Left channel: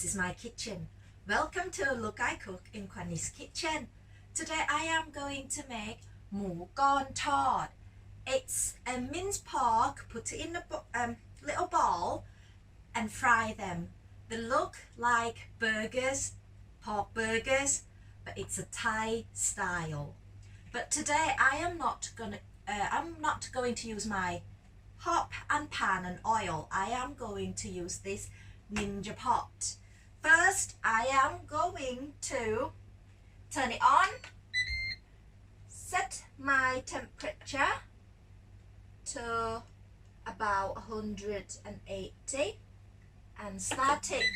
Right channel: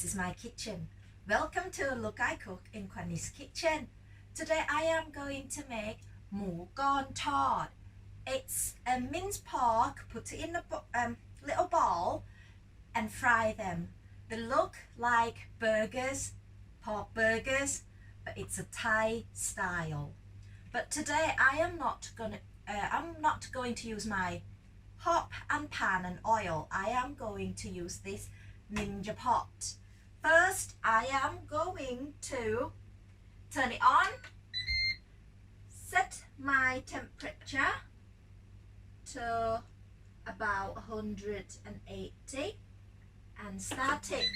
This is my kitchen. Welcome to Look I Cook in Quanny's kitchen. Today I am going to make Moo Gorn Tord. It's a minced pork, put it in a little bowl and fry them. They look like burgers, pork burgers, but it's a Thai style. But today I'm not going to use my hot and pan and oil. I am going to use this Ninja pot. First I am going to turn it on, set my temperature to about 180 and start it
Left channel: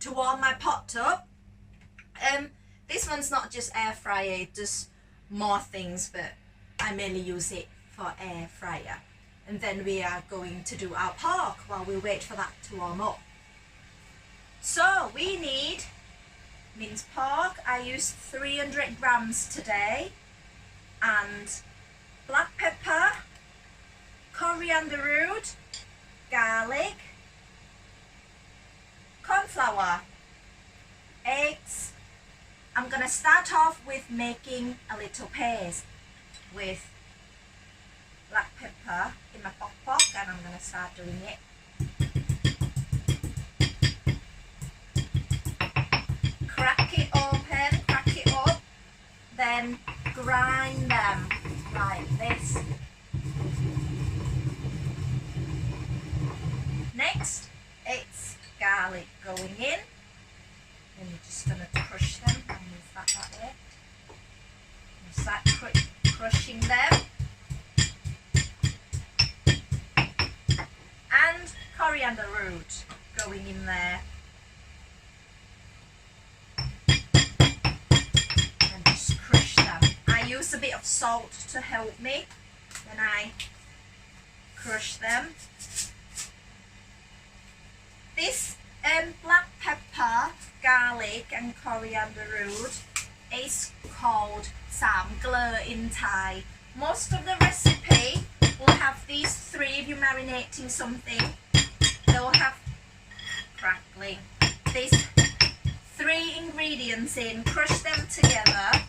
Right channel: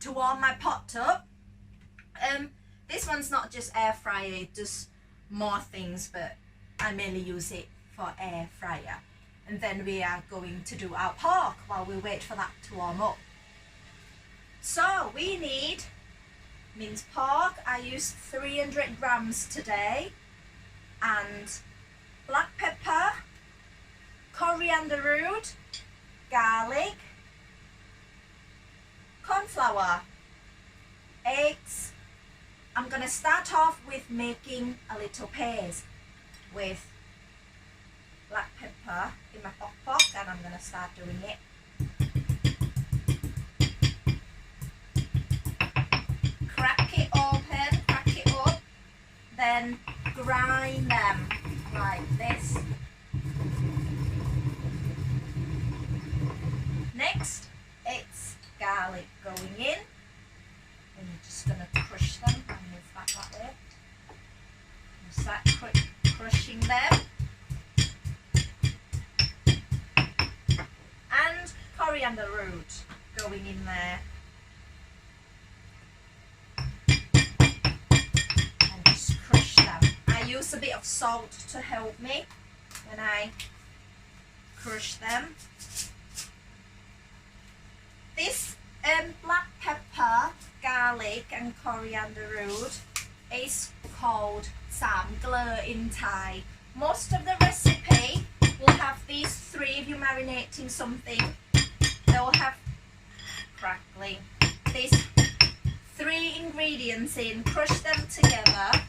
to warm my pot up. This one's not just air fryer, it does more things, but I mainly use it for air fryer. And then we are going to do our pork while we wait for that to warm up. So we need minced pork. I used 300 grams today, and black pepper, coriander root, garlic, cornflour, eggs. I'm gonna start off with making a little paste with black pepper in my pot, and I'm gonna start doing it. Crack it open, crack it up, then grind them like this. Next, it's garlic going in, and you're just going to crush them. I'll move that back there. Start crushing them. And coriander root going in there. And just crush them. I use a bit of salt to help me when I crush them. This black pepper, garlic and coriander root is called Sam Glur in Thai. Most of the recipe will have these three. If you're marinating something, they'll have crackling. These three ingredients in, crush them together.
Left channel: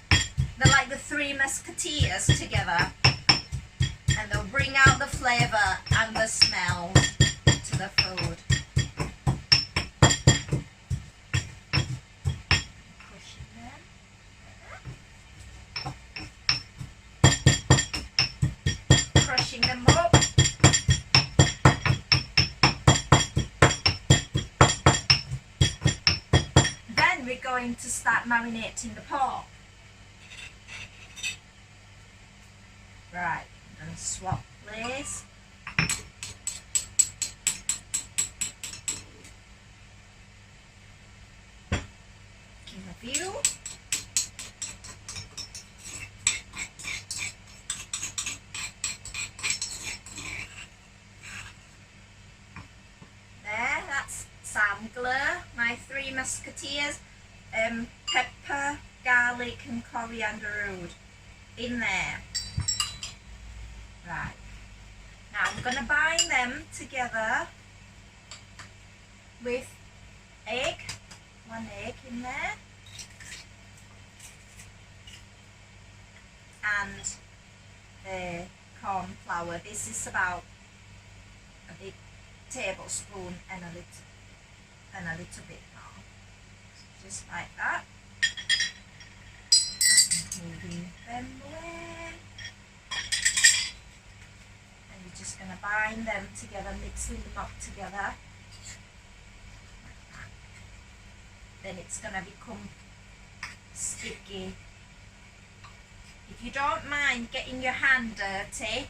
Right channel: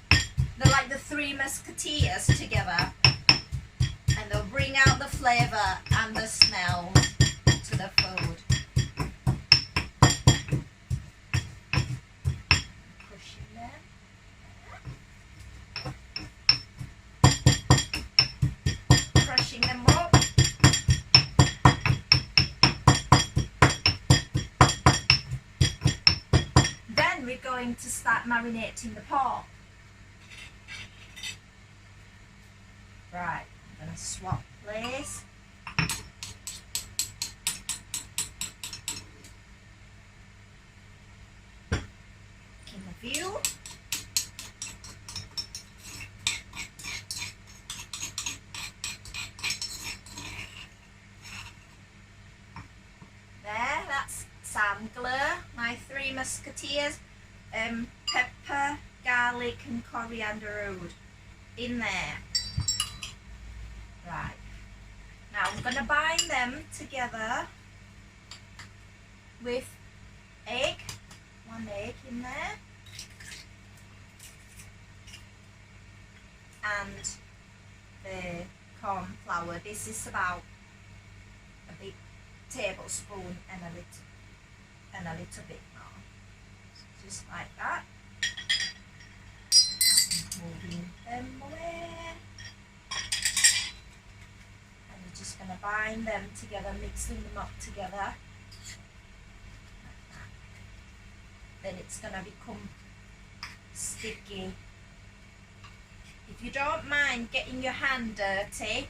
They're like the three musketeers together, and they'll bring out the flavour and the smell to the food. Crushing them up. Then we're going to start marinating the pork. Right, I'm going to swap place. King of view. There, that's Sam Glur, my three musketeers, pepper, garlic and coriander root in there. Right, now I'm going to bind them together with egg, one egg in there, and the cornflour. This is about a big tablespoon and a little bit more. So just like that. I'm moving them away. And you're just going to bind them together, mixing them up together. Like that. Then it's going to become sticky. If you don't mind getting your hand dirty,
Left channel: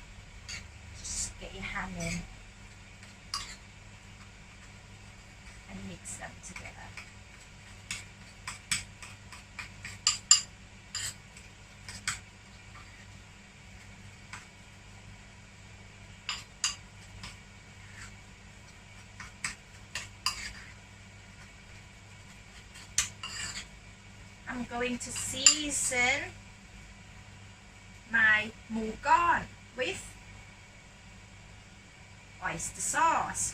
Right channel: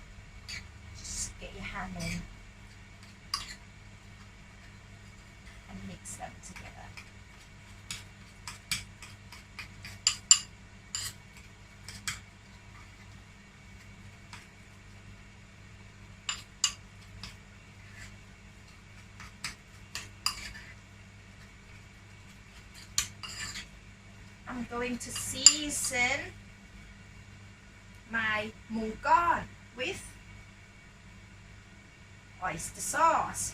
just get your hand in and mix them together. I'm going to season my Moo Gorn with oyster sauce.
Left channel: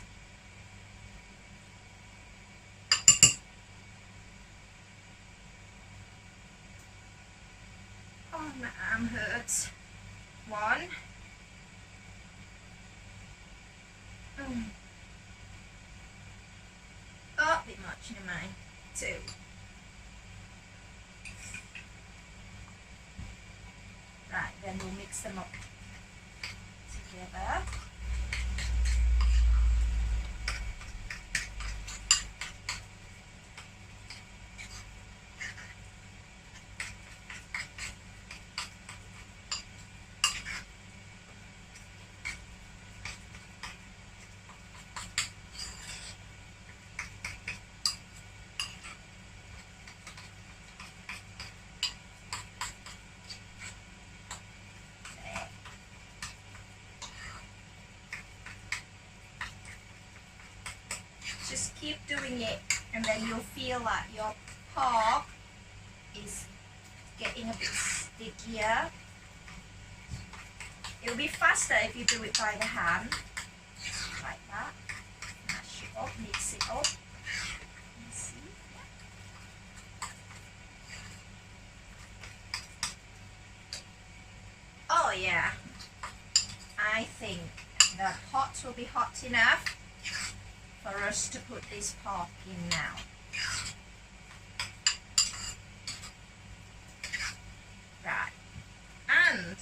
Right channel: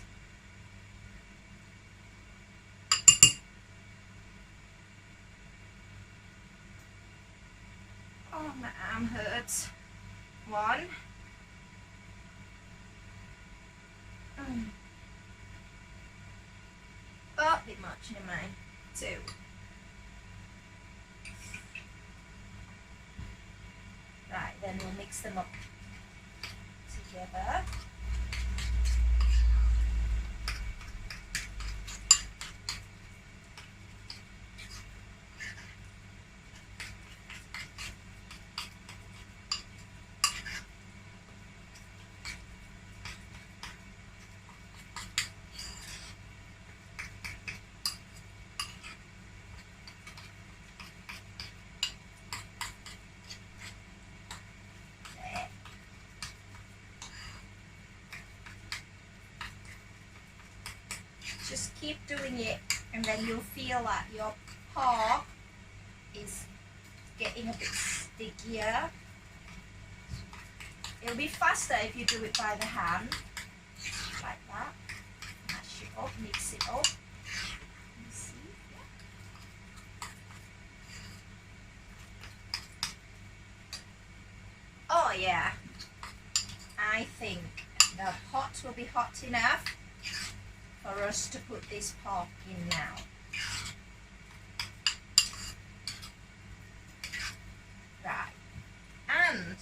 My arm hurts. 1. Oh, a bit much, never mind. 2. Right, then we'll mix them up together. Just keep doing it, and then you'll feel that your pork is getting a bit stickier. It'll be faster if you do it by the hand, like that. Mash it up, mix it up. You see? Yeah. Oh yeah, I think the pot will be hot enough for us to put this pork in now. Right, and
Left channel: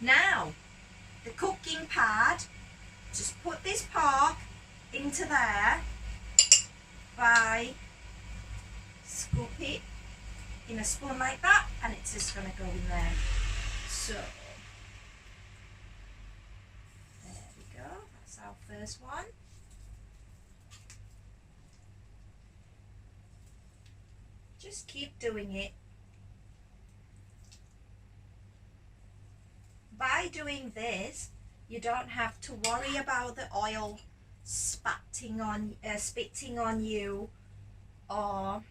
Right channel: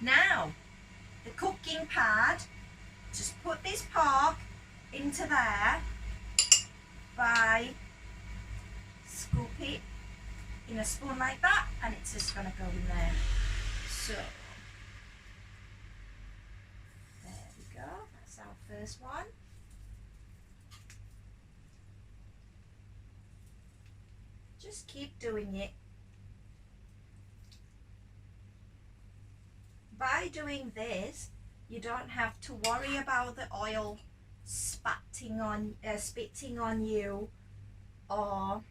now the cooking pad, just put this pork into there by scoop it in a spoon like that, and it's just going to go in there. So there we go, that's our first one. Just keep doing it. By doing this, you don't have to worry about the oil spitting on you, or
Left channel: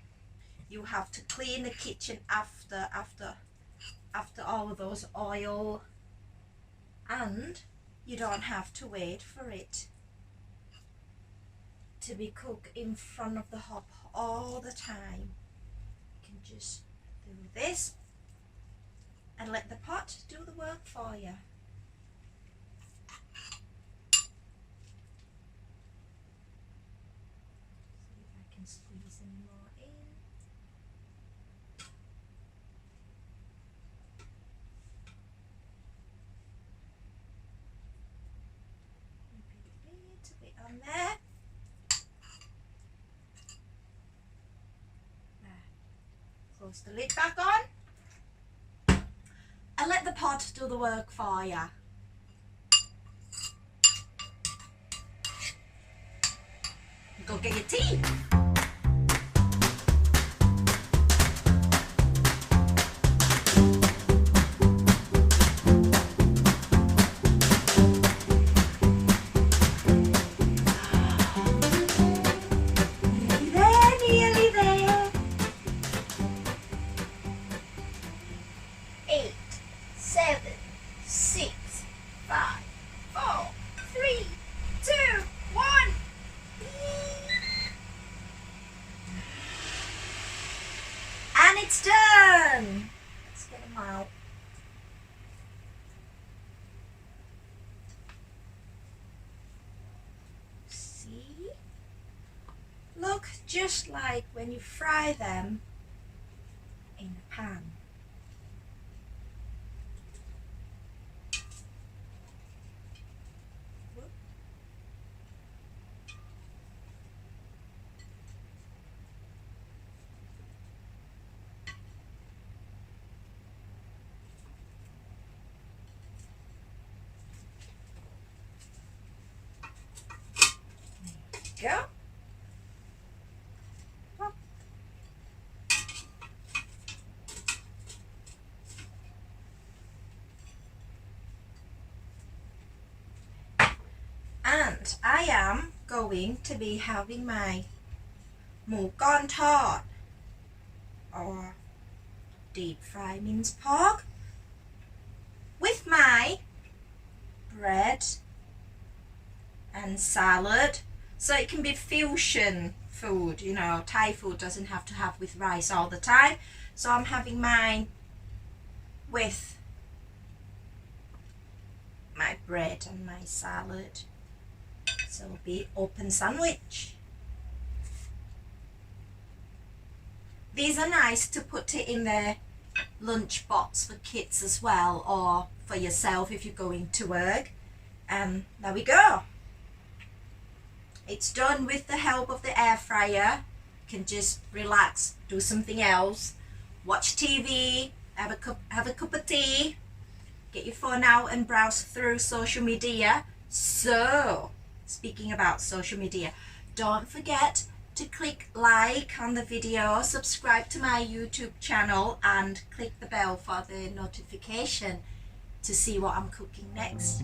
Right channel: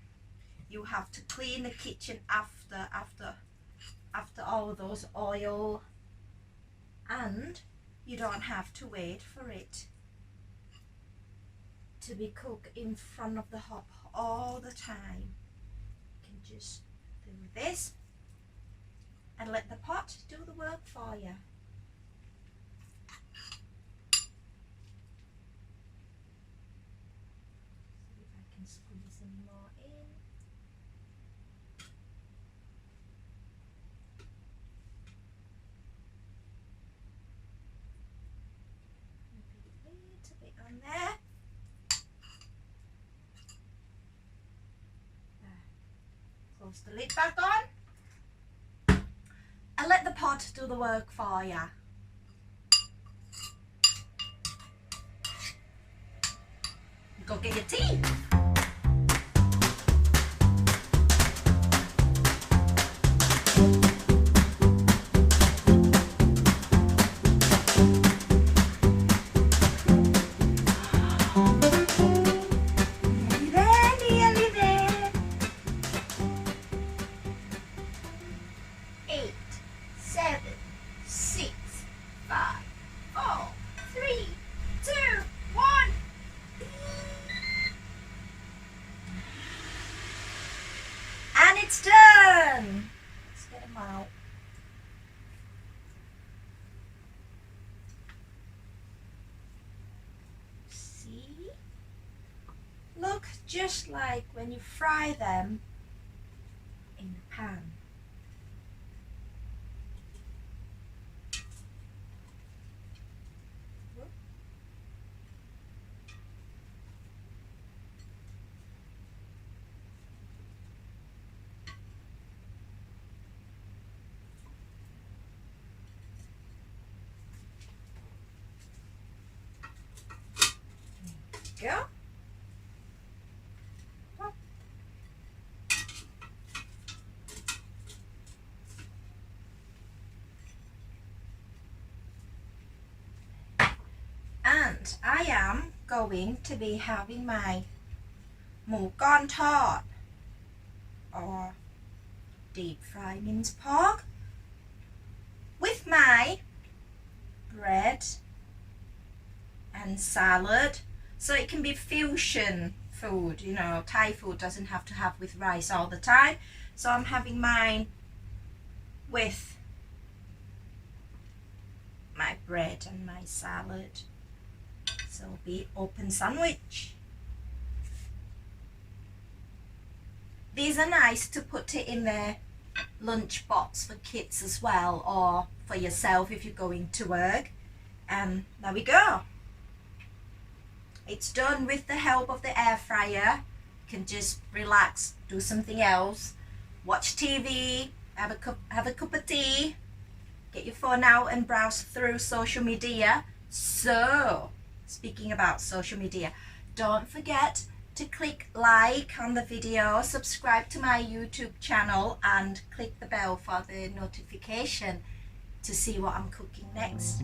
you have to clean the kitchen after all of those oil, and you don't have to wait for it to be cooked in front of the hob all the time. Just do this and let the pot do the work for you. See if I can squeeze any more in. Maybe a little bit on there. Close the lid back on and let the pot do the work for you. Go get your tea. It's done. Let's get them out. See? Look just like when you fry them in a pan. Go. Pop. And I am going to be having my Moo Gorn Tord, or deep fry mince pork, with my bread and salad. So it can be fusion food, you know, Thai food doesn't have to have with rice all the time. So I'm having mine with my bread and my salad. So it'll be open sandwich. These are nice to put it in their lunch box for kids as well, or for yourself if you're going to work. And there we go. It's done with the help of the air fryer. You can just relax, do something else, watch TV, have a cup of tea, get your phone out and browse through social media. So, speaking about social media, don't forget to click like on the video, subscribe to my YouTube channel, and click the bell for the notification to see what I'm cooking next.